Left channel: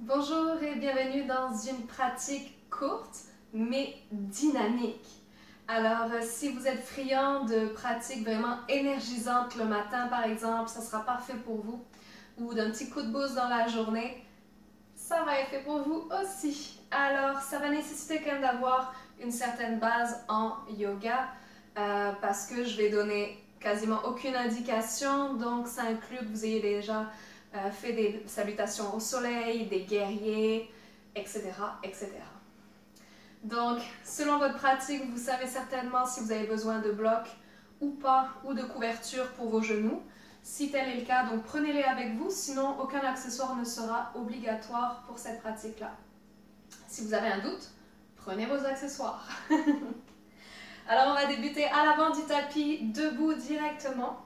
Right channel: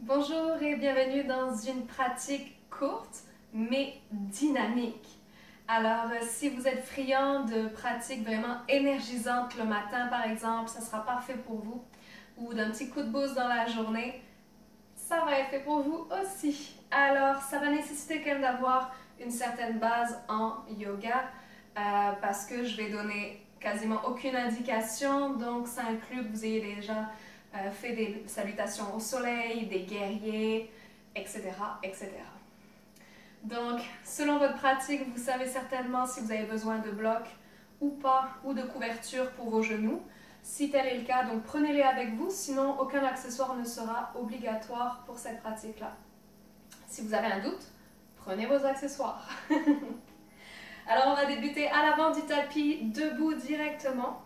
Bonjour et bienvenue dans une pratique courte mais dynamique. Alors, si vous êtes friand de pratiques vraiment énergisantes le matin par exemple, ça sera parfait pour vous. Ou d'un petit coup de boost dans la journée, ça va être fait pour vous aussi. Alors, ça va nécessiter quand même d'avoir une certaine base en yoga parce que je vais donner quasiment aucune indication, donc ça inclut que vous ayez déjà fait des salutations au soleil, des guerriers, etc., etc. Donc, selon votre pratique, vous savez certainement si vous avez besoin de blocs ou pas, ou de couverture pour vos genoux. Si tel est le cas, donc prenez-les avec vous, sinon aucun accessoire ne sera obligatoire pour cette pratique-là. Si vous avez un doute, prenez vos accessoires. Alors, on va débuter à l'avant du tapis, debout directement.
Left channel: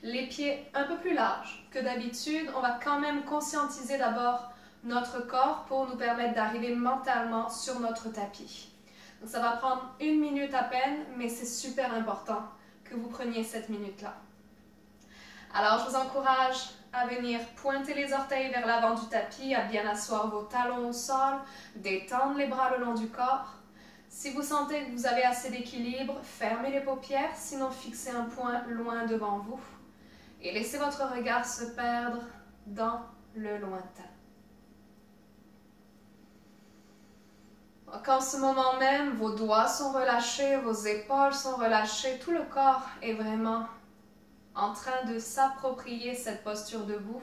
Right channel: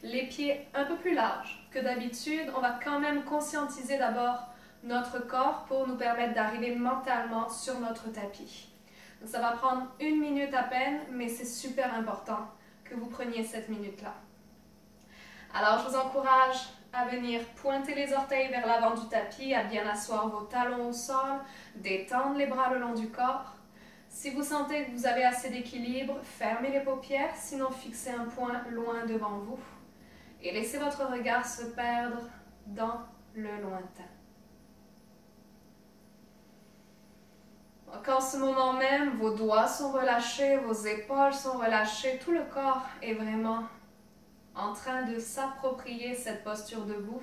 Les pieds un peu plus larges que d'habitude. On va quand même conscientiser d'abord notre corps pour nous permettre d'arriver mentalement sur notre tapis. Donc ça va prendre 1 minute à peine, mais c'est super important que vous preniez cette minute-là. Alors je vous encourage à venir pointer les orteils vers l'avant du tapis, à bien asseoir vos talons au sol, détendre les bras le long du corps. Si vous sentez que vous avez assez d'équilibre, fermez les paupières, sinon fixez un point loin devant vous. Et laissez votre regard se perdre dans le lointain. Donc en ce moment même, vos doigts sont relâchés, vos épaules sont relâchées, tout le corps est vraiment en train de s'approprier cette posture debout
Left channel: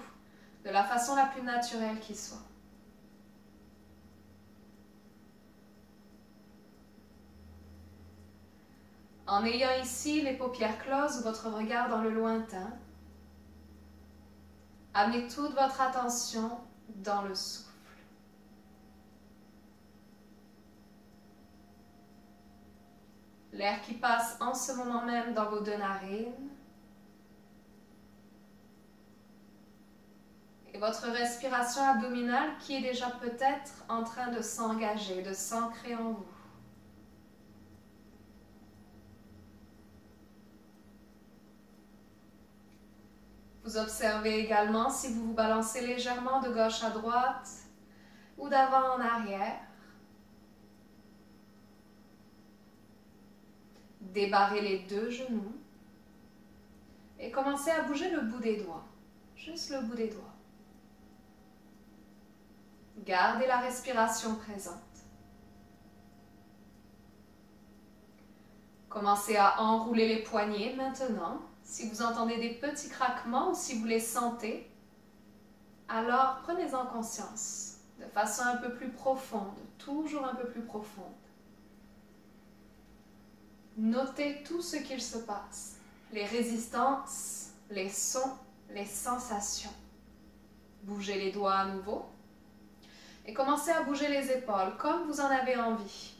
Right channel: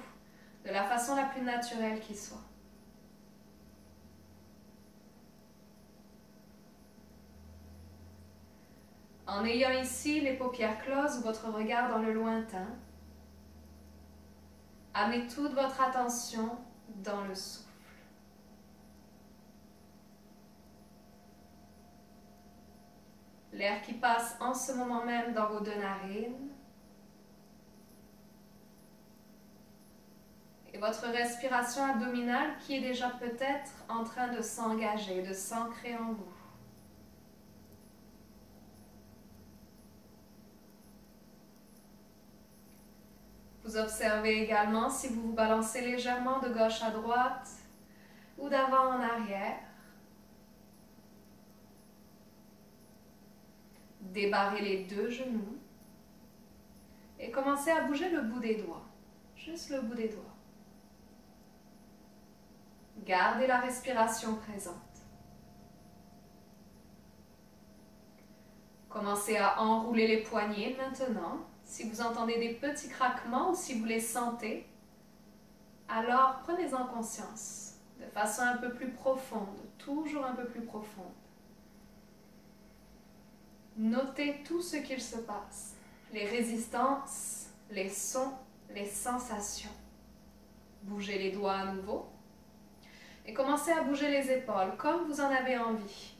de la façon la plus naturelle qui soit. En ayant ici les paupières closes, votre regard dans le lointain, amenez toute votre attention dans le souffle. L'air qui passe en ce moment même dans vos 2 narines. Et votre respiration abdominale qui est déjà peut-être en train de s'engager, de s'ancrer en vous. Vous observez également si vous vous balancez légèrement de gauche à droite ou d'avant en arrière. Débarrez les 2 genoux et commencez à bouger le bout des doigts, juste le bout des doigts. Gardez la respiration présente. Commencez à enrouler les poignets maintenant. Si vous entendez des petits craquements ou si vous les sentez, alors prenez-en conscience de façon un peu plus profonde, toujours un peu plus profonde. Notez tout ce qu'il se passe, les résistances, les sons, les sensations. Bougez les doigts à nouveau et commencez à bouger les épaules comme vous en avez envie.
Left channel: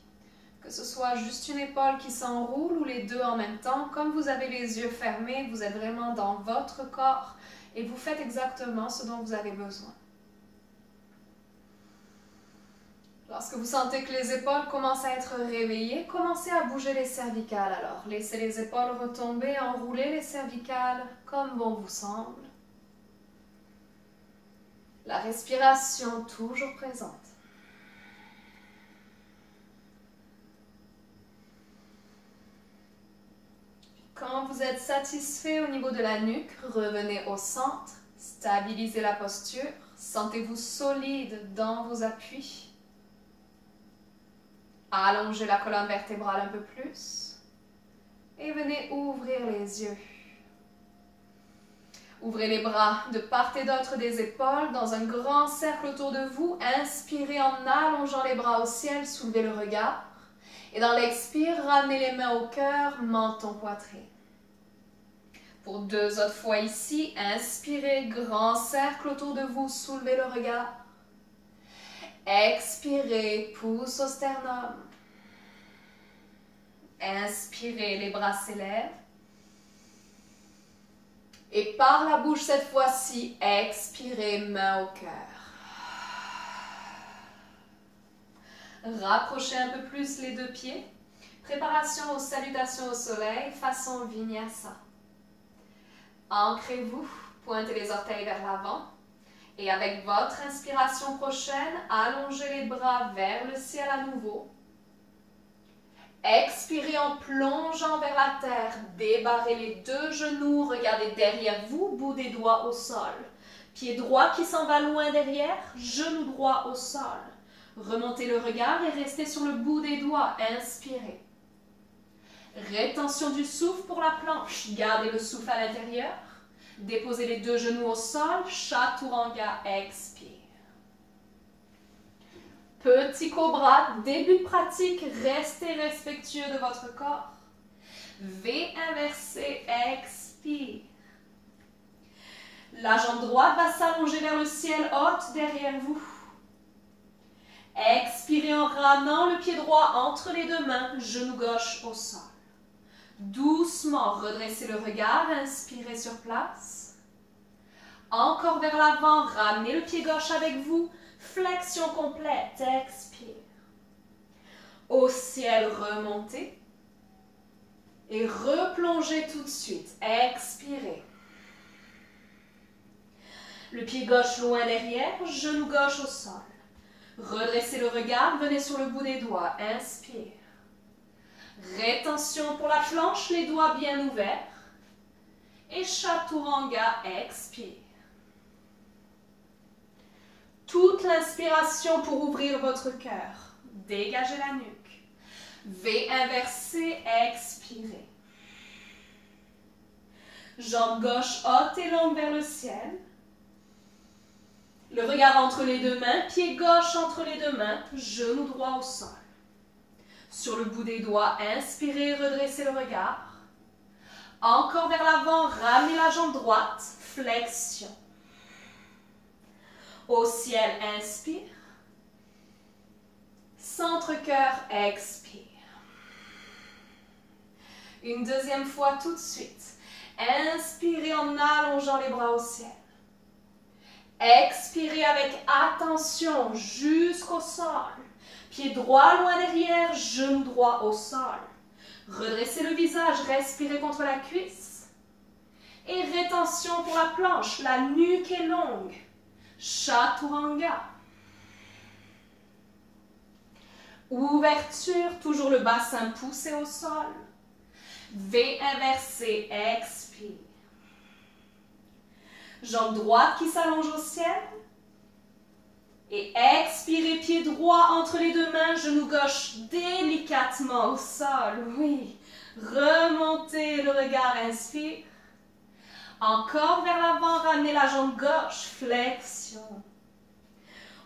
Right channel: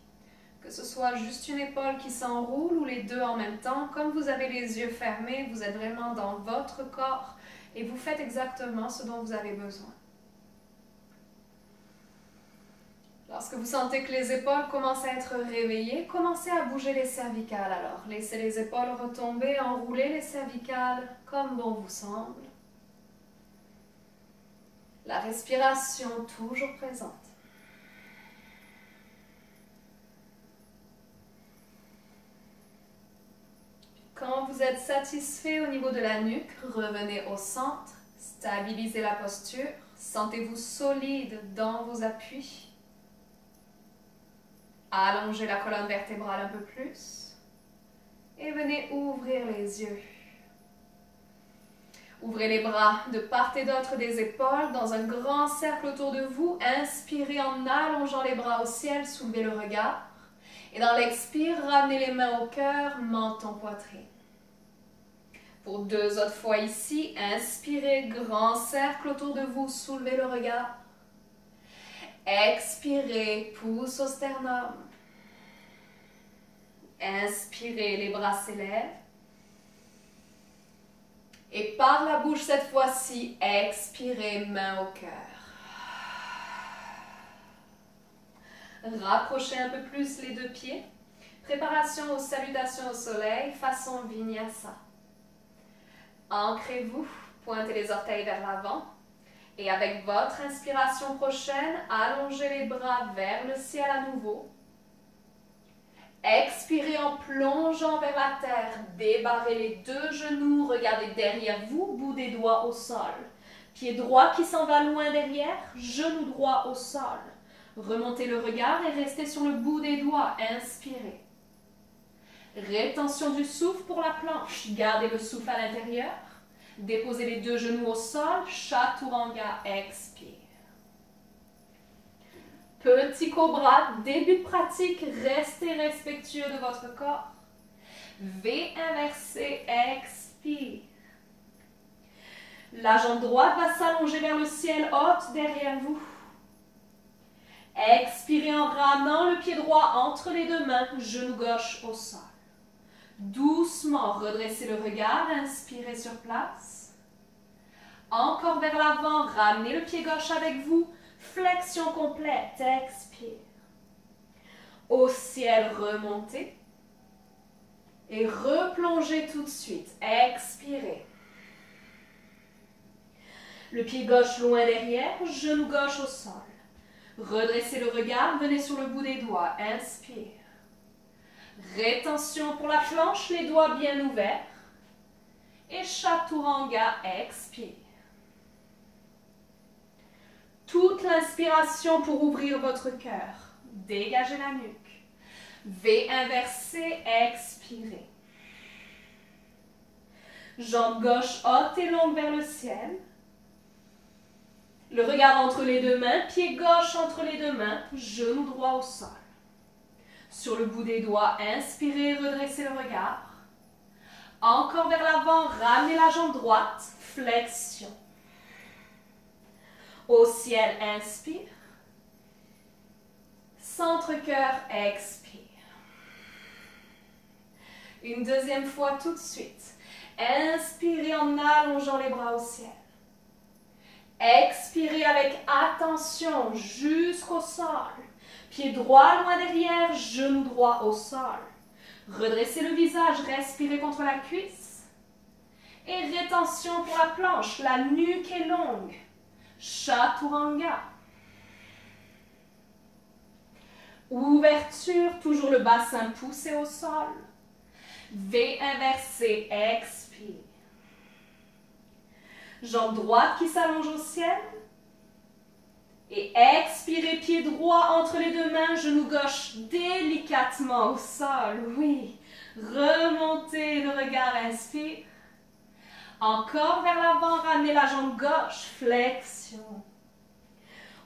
Que ce soit juste une épaule qui s'enroule ou les 2 en même temps, comme vous avez les yeux fermés, vous êtes vraiment dans votre corps et vous faites exactement ce dont vous avez besoin. Lorsque vous sentez que les épaules commencent à être réveillées, commencez à bouger les cervicales alors. Laissez les épaules retomber, enroulez les cervicales comme bon vous semble. La respiration toujours présente. Quand vous êtes satisfait au niveau de la nuque, revenez au centre, stabilisez la posture, sentez-vous solide dans vos appuis. Allongez la colonne vertébrale un peu plus et venez ouvrir les yeux. Ouvrez les bras de part et d'autre des épaules dans un grand cercle autour de vous. Inspirez en allongeant les bras au ciel, soulevez le regard. Et dans l'expire, ramenez les mains au cœur, menton, poitrine. Pour 2 autres fois ici, inspirez, grand cercle autour de vous, soulevez le regard. Expirez, pouce au sternum. Inspirez, les bras s'élèvent. Et par la bouche cette fois-ci, expirez, main au cœur. Rapprochez un peu plus les 2 pieds. Préparation aux salutations au soleil, façon vinyasa. Ancrez-vous, pointez les orteils vers l'avant. Et avec votre inspiration prochaine, allongez les bras vers le ciel à nouveau. Expirez en plongeant vers la terre. Débarrez les deux genoux, regardez derrière vous, bout des doigts au sol. Pied droit qui s'en va loin derrière, genou droit au sol. Remontez le regard et restez sur le bout des doigts. Inspirez. Rétention du souffle pour la planche. Gardez le souffle à l'intérieur. Déposez les deux genoux au sol. Chaturanga. Expire. Petit cobra, début de pratique. Restez respectueux de votre corps. V inversé. Expire. La jambe droite va s'allonger vers le ciel haute derrière vous. Expirez en ramenant le pied droit entre les deux mains, genou gauche au sol. Doucement, redressez le regard, inspirez sur place. Encore vers l'avant, ramenez le pied gauche avec vous, flexion complète, expire. Au ciel, remontez. Et replongez tout de suite, expirez. Le pied gauche loin derrière, genou gauche au sol. Redressez le regard, venez sur le bout des doigts, inspire. Rétention pour la planche, les doigts bien ouverts. Et Chaturanga, expire. Toute l'inspiration pour ouvrir votre cœur. Dégagez la nuque. V inversé, expirez. Jambe gauche haute et longue vers le ciel. Le regard entre les deux mains, pied gauche entre les deux mains, genou droit au sol. Sur le bout des doigts, inspirez, redressez le regard. Encore vers l'avant, ramenez la jambe droite, flexion. Au ciel, inspire. Centre-cœur, expire. Une deuxième fois tout de suite. Inspirez en allongeant les bras au ciel. Expirez avec attention jusqu'au sol. Pied droit loin derrière, genou droit au sol. Redressez le visage, respirez contre la cuisse. Et rétention pour la planche, la nuque est longue. Chaturanga. Ouverture, toujours le bassin poussé au sol. V inversé, expire. Jambe droite qui s'allonge au ciel. Et expirez, pied droit entre les deux mains, genou gauche délicatement au sol. Oui. Remontez le regard, inspire. Encore vers l'avant, ramenez la jambe gauche, flexion.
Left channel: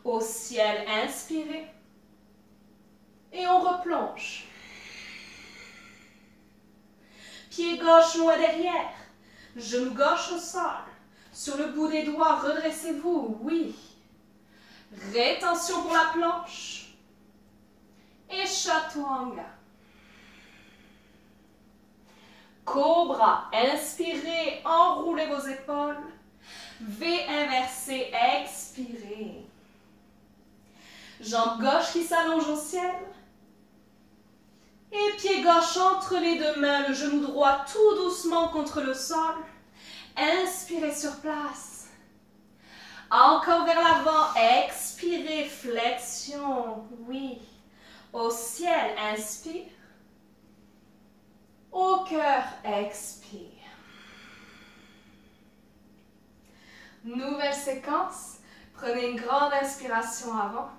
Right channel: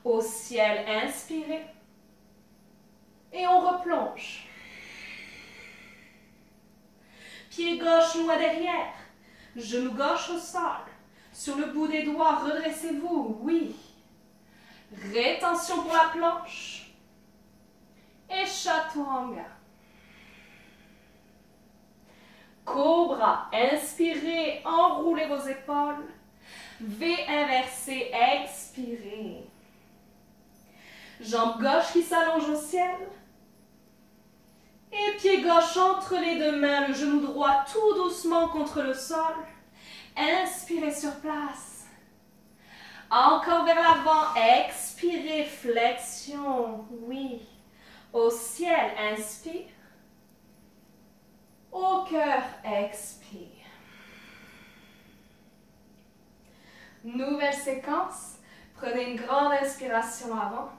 Au ciel, inspirez. Et on replonge. Pied gauche loin derrière, genou gauche au sol. Sur le bout des doigts, redressez-vous, oui. Rétention pour la planche. Et Chaturanga. Cobra, inspirez, enroulez vos épaules. V inversé, expirez. Jambe gauche qui s'allonge au ciel. Et pied gauche entre les deux mains, le genou droit tout doucement contre le sol. Inspirez sur place. Encore vers l'avant, expirez, flexion, oui. Au ciel, inspire. Au cœur, expire. Nouvelle séquence. Prenez une grande inspiration avant.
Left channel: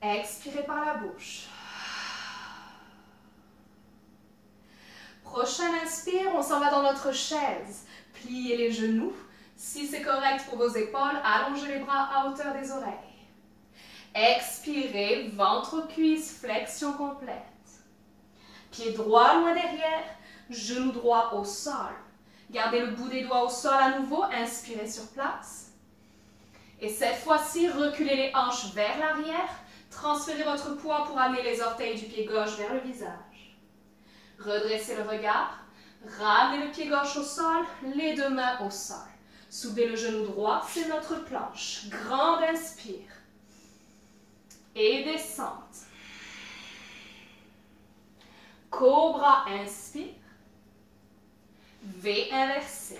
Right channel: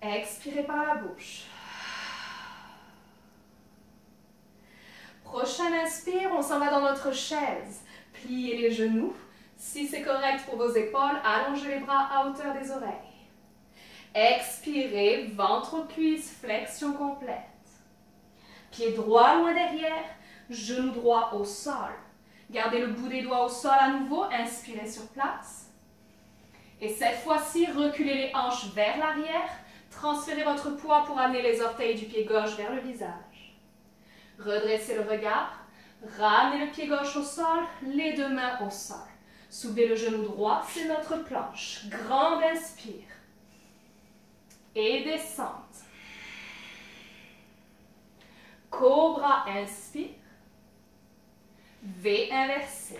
Expirez par la bouche. Prochain inspire, on s'en va dans notre chaise. Pliez les genoux. Si c'est correct pour vos épaules, allongez les bras à hauteur des oreilles. Expirez, ventre aux cuisses, flexion complète. Pied droit loin derrière, genou droit au sol. Gardez le bout des doigts au sol à nouveau, inspirez sur place. Et cette fois-ci, reculez les hanches vers l'arrière. Transférez votre poids pour amener les orteils du pied gauche vers le visage. Redressez le regard. Ramenez le pied gauche au sol, les deux mains au sol. Soulevez le genou droit, c'est notre planche. Grande inspire. Et descente. Cobra, inspire. V inversé.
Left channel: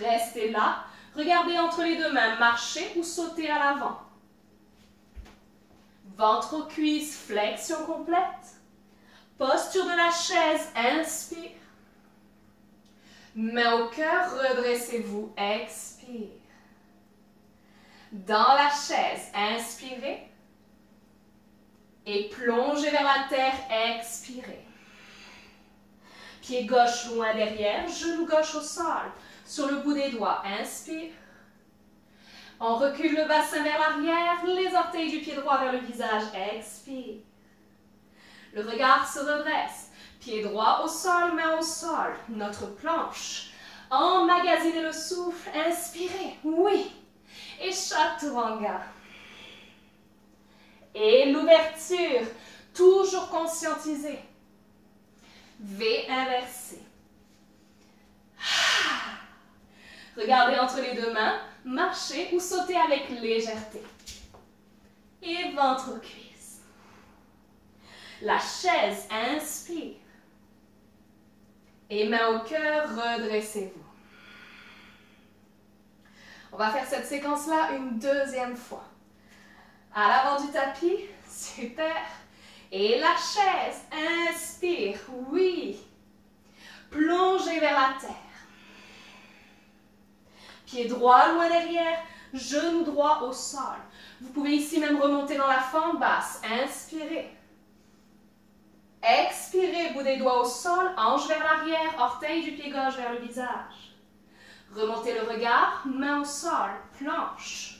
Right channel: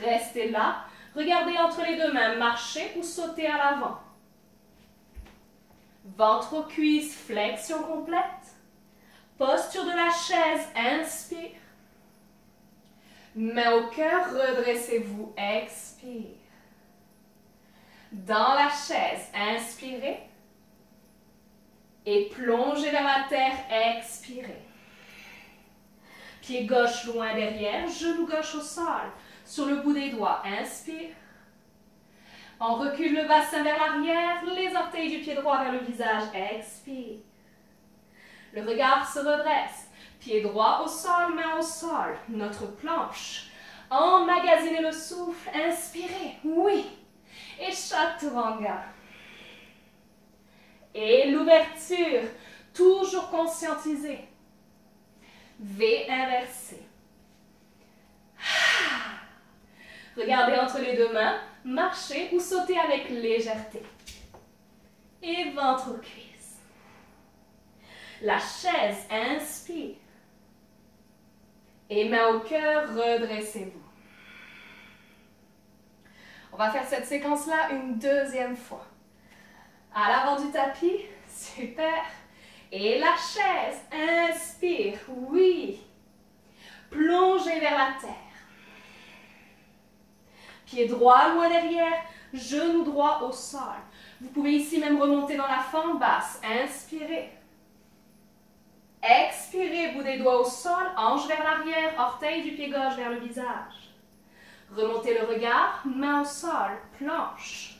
Restez là. Regardez entre les deux mains, marchez ou sautez à l'avant. Ventre aux cuisses, flexion complète. Posture de la chaise, inspire. Main au cœur, redressez-vous, expire. Dans la chaise, inspirez. Et plongez vers la terre, expirez. Pied gauche loin derrière, genou gauche au sol. Sur le bout des doigts, inspire. On recule le bassin vers l'arrière, les orteils du pied droit vers le visage, expire. Le regard se redresse, pied droit au sol, main au sol, notre planche. Emmagasinez le souffle, inspirez, oui. Et Chaturanga. Et l'ouverture, toujours conscientisée. V inversé. Regardez entre les deux mains, marchez ou sautez avec légèreté. Et ventre aux cuisses. La chaise, inspire. Et main au cœur, redressez-vous. On va faire cette séquence-là une deuxième fois. À l'avant du tapis, super. Et la chaise, inspire, oui. Plongez vers la terre. Pied droit loin derrière, genou droit au sol. Vous pouvez ici même remonter dans la fente basse. Inspirez. Expirez, bout des doigts au sol, hanche vers l'arrière, orteil du pied gauche vers le visage. Remontez le regard, main au sol, planche.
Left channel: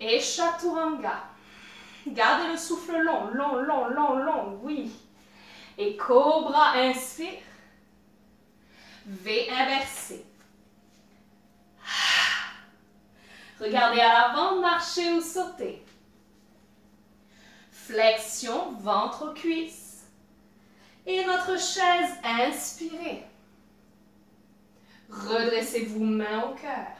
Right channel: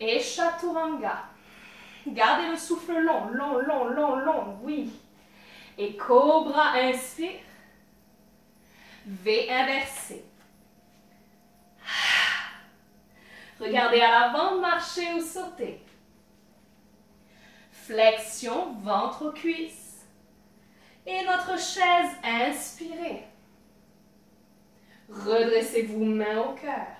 Et Chaturanga. Gardez le souffle long, long, long, long, long, oui. Et Cobra, inspire. V inversé. Regardez à l'avant, marchez ou sautez. Flexion, ventre aux cuisses. Et notre chaise, inspirez. Redressez-vous, main au cœur.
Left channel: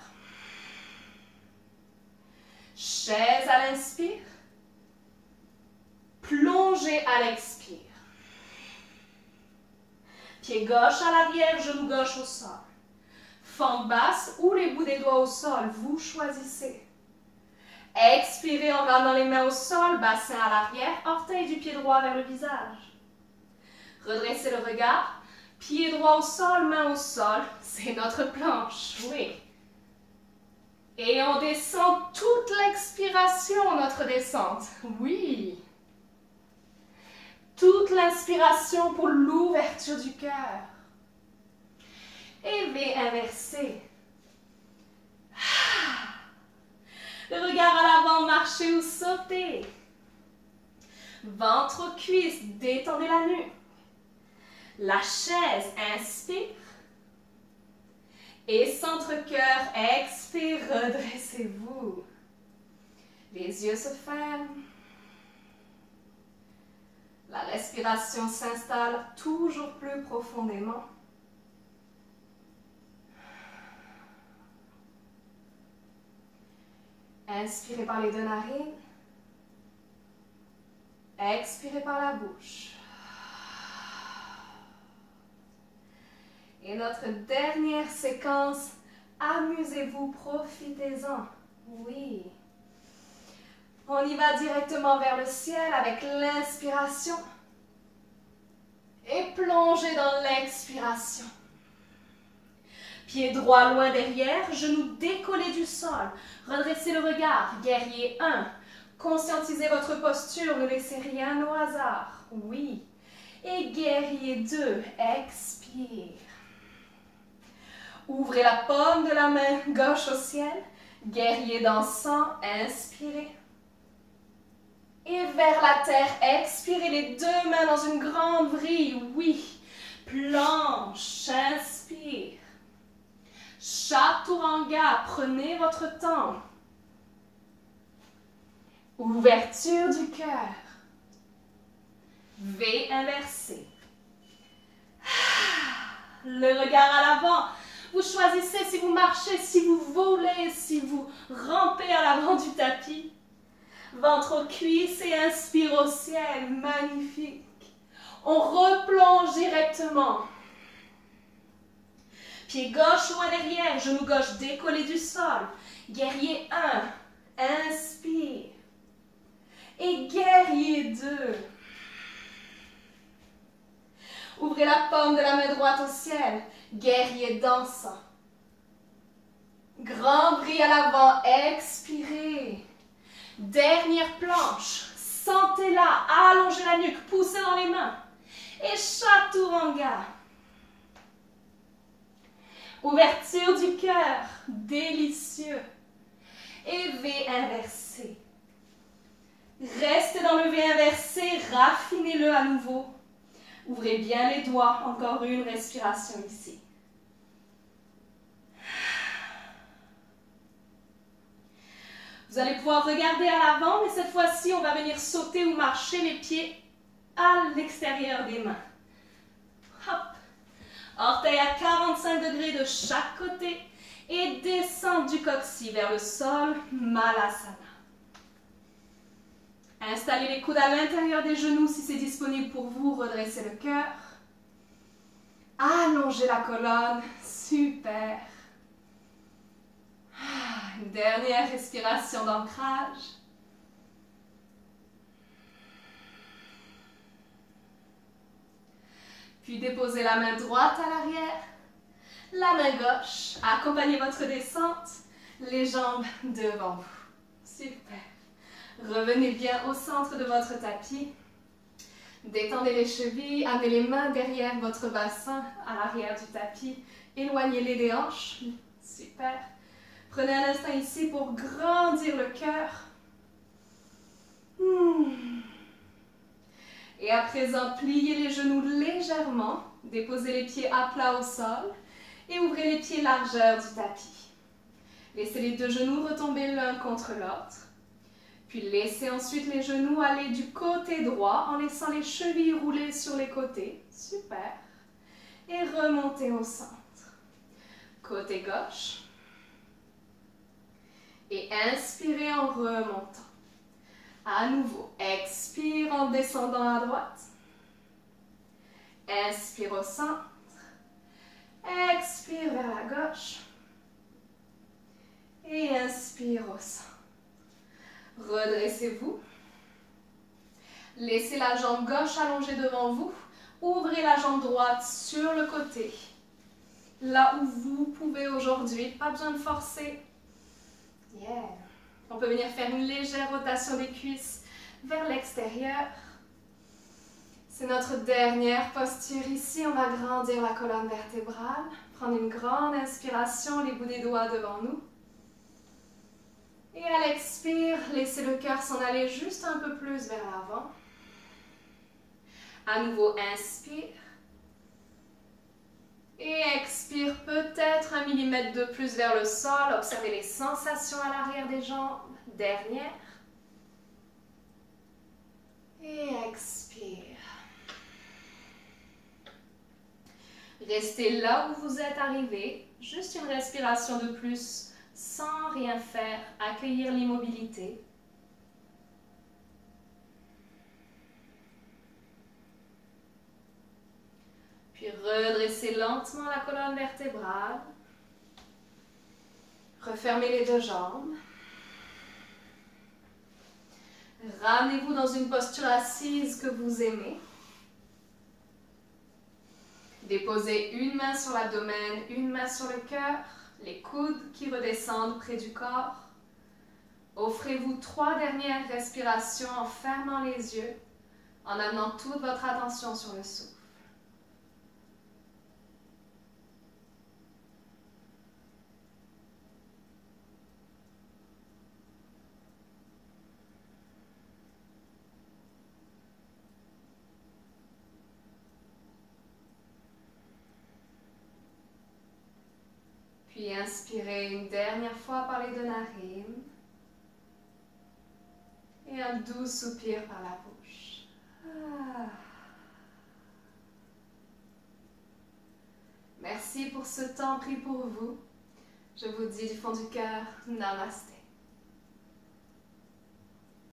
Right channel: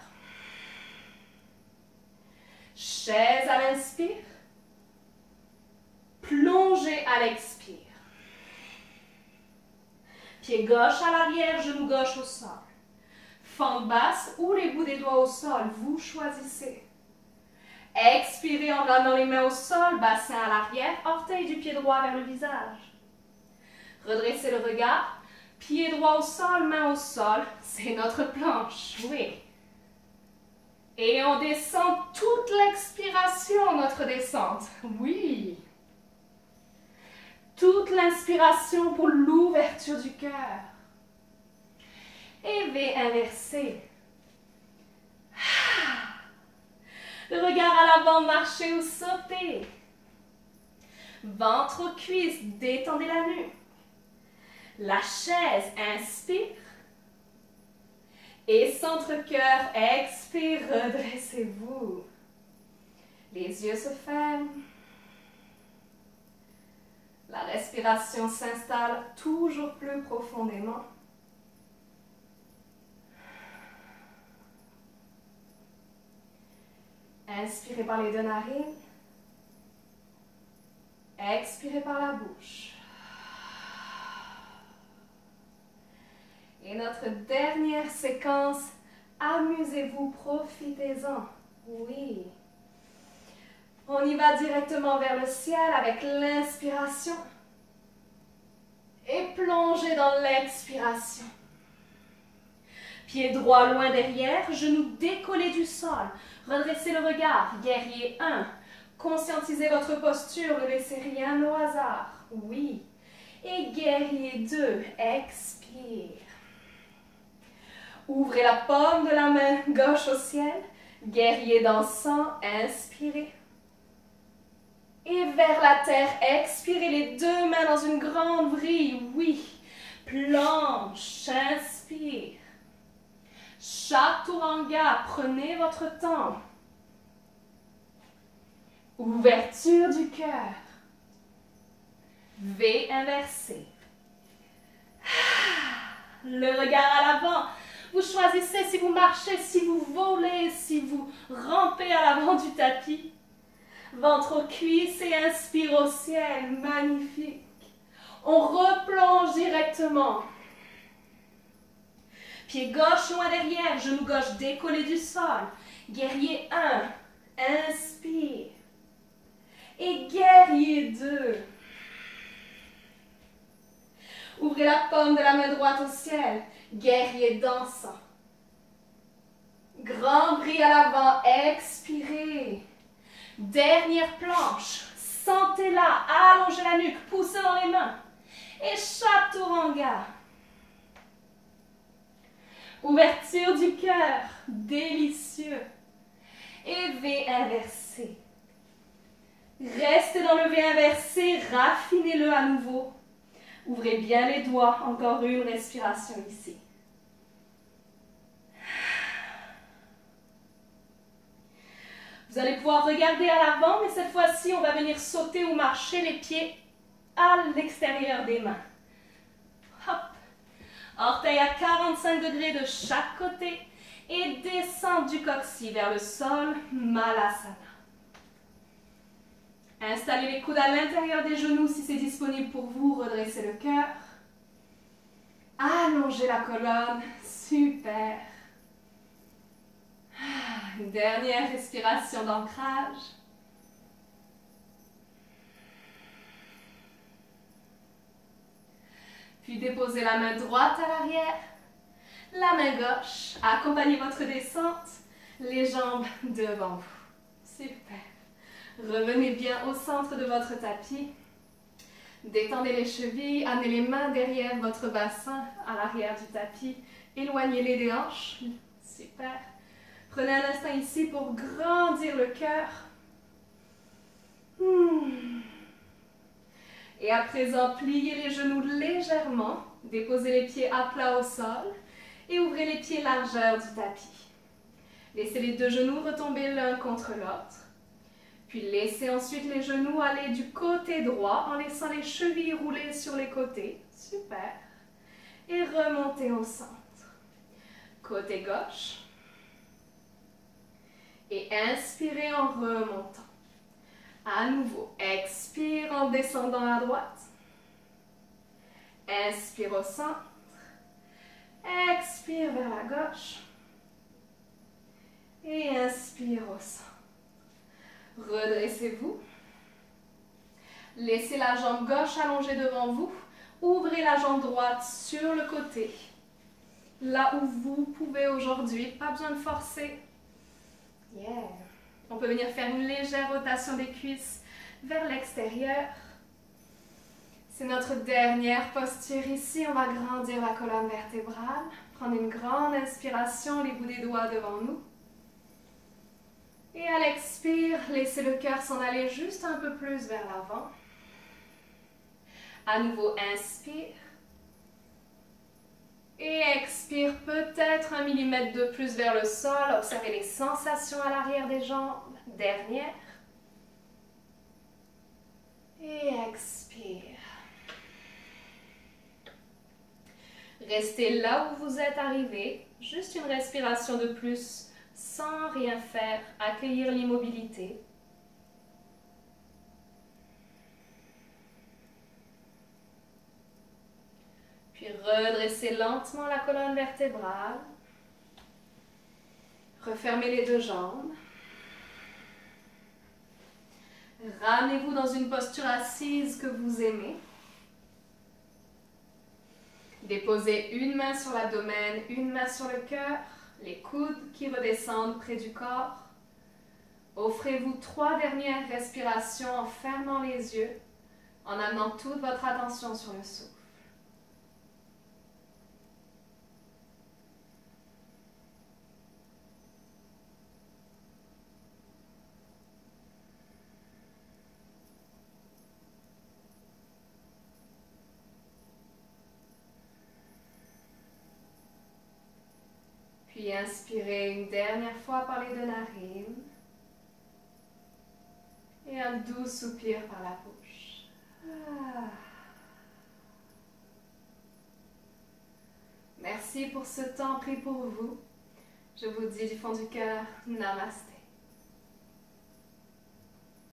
Chaise à l'inspire. Plongez à l'expire. Pied gauche à l'arrière, genou gauche au sol. Fente basse ou les bouts des doigts au sol, vous choisissez. Expirez en ramenant les mains au sol, bassin à l'arrière, orteil du pied droit vers le visage. Redressez le regard, pied droit au sol, main au sol, c'est notre planche, oui. Et on descend toute l'expiration, notre descente, oui. Toute l'inspiration pour l'ouverture du cœur. Et V inversé. Le regard à l'avant, marchez ou sautez. Ventre aux cuisses, détendez la nuque. La chaise, inspire. Et centre-cœur, expire, redressez-vous. Les yeux se ferment. La respiration s'installe toujours plus profondément. Inspirez par les deux narines. Expirez par la bouche. Et notre dernière séquence, amusez-vous, profitez-en. Oui. On y va directement vers le ciel avec l'inspiration. Et plongez dans l'expiration. Pied droit loin derrière, genoux décollés du sol. Redressez le regard, guerrier 1. Conscientisez votre posture, ne laissez rien au hasard. Oui. Et guerrier 2, expire. Ouvrez la paume de la main gauche au ciel. Guerrier dansant, inspirez. Et vers la terre, expirez les deux mains dans une grande vrille. Oui. Planche, inspire. Chaturanga, prenez votre temps. Ouverture du cœur. V inversé. Le regard à l'avant. Vous choisissez si vous marchez, si vous volez, si vous rampez à l'avant du tapis. Ventre aux cuisses et inspire au ciel. Magnifique. On replonge directement. Pied gauche loin derrière, genou gauche décollé du sol. Guerrier 1, inspire. Et guerrier 2. Ouvrez la paume de la main droite au ciel, guerrier dansant. Grand bris à l'avant, expirez. Dernière planche, sentez-la, allongez la nuque, poussez dans les mains. Et chaturanga. Ouverture du cœur, délicieux. Et V inversé. Restez dans le V inversé, raffinez-le à nouveau. Ouvrez bien les doigts, encore une respiration ici. Vous allez pouvoir regarder à l'avant, mais cette fois-ci, on va venir sauter ou marcher les pieds à l'extérieur des mains. Hop. Orteils à 45 degrés de chaque côté et descente du coccyx vers le sol, Malasana. Installez les coudes à l'intérieur des genoux si c'est disponible pour vous, redressez le cœur. Allongez la colonne, super. Une dernière respiration d'ancrage. Puis déposez la main droite à l'arrière, la main gauche. Accompagnez votre descente, les jambes devant vous. Super. Revenez bien au centre de votre tapis. Détendez les chevilles, amenez les mains derrière votre bassin, à l'arrière du tapis. Éloignez-les des hanches. Super. Prenez un instant ici pour grandir le cœur. Et à présent, pliez les genoux légèrement. Déposez les pieds à plat au sol. Et ouvrez les pieds largeur du tapis. Laissez les deux genoux retomber l'un contre l'autre. Puis laissez ensuite les genoux aller du côté droit en laissant les chevilles rouler sur les côtés. Super. Et remontez au centre. Côté gauche. Et inspirez en remontant. À nouveau, expire en descendant à droite. Inspire au centre. Expire vers la gauche. Et inspire au centre. Redressez-vous. Laissez la jambe gauche allongée devant vous. Ouvrez la jambe droite sur le côté. Là où vous pouvez aujourd'hui, pas besoin de forcer. Yeah. On peut venir faire une légère rotation des cuisses vers l'extérieur. C'est notre dernière posture ici. On va grandir la colonne vertébrale. Prendre une grande inspiration, les bouts des doigts devant nous. Et à l'expire, laissez le cœur s'en aller juste un peu plus vers l'avant. À nouveau, inspire. Et expire peut-être 1 millimètre de plus vers le sol. Observez les sensations à l'arrière des jambes. Dernière. Et expire. Restez là où vous êtes arrivé. Juste une respiration de plus sans rien faire. Accueillir l'immobilité. Puis redressez lentement la colonne vertébrale. Refermez les deux jambes. Ramenez-vous dans une posture assise que vous aimez. Déposez une main sur l'abdomen, une main sur le cœur, les coudes qui redescendent près du corps. Offrez-vous 3 dernières respirations en fermant les yeux, en amenant toute votre attention sur le souffle. Puis inspirez une dernière fois par les deux narines. Et un doux soupir par la bouche. Merci pour ce temps pris pour vous. Je vous dis du fond du cœur, Namasté.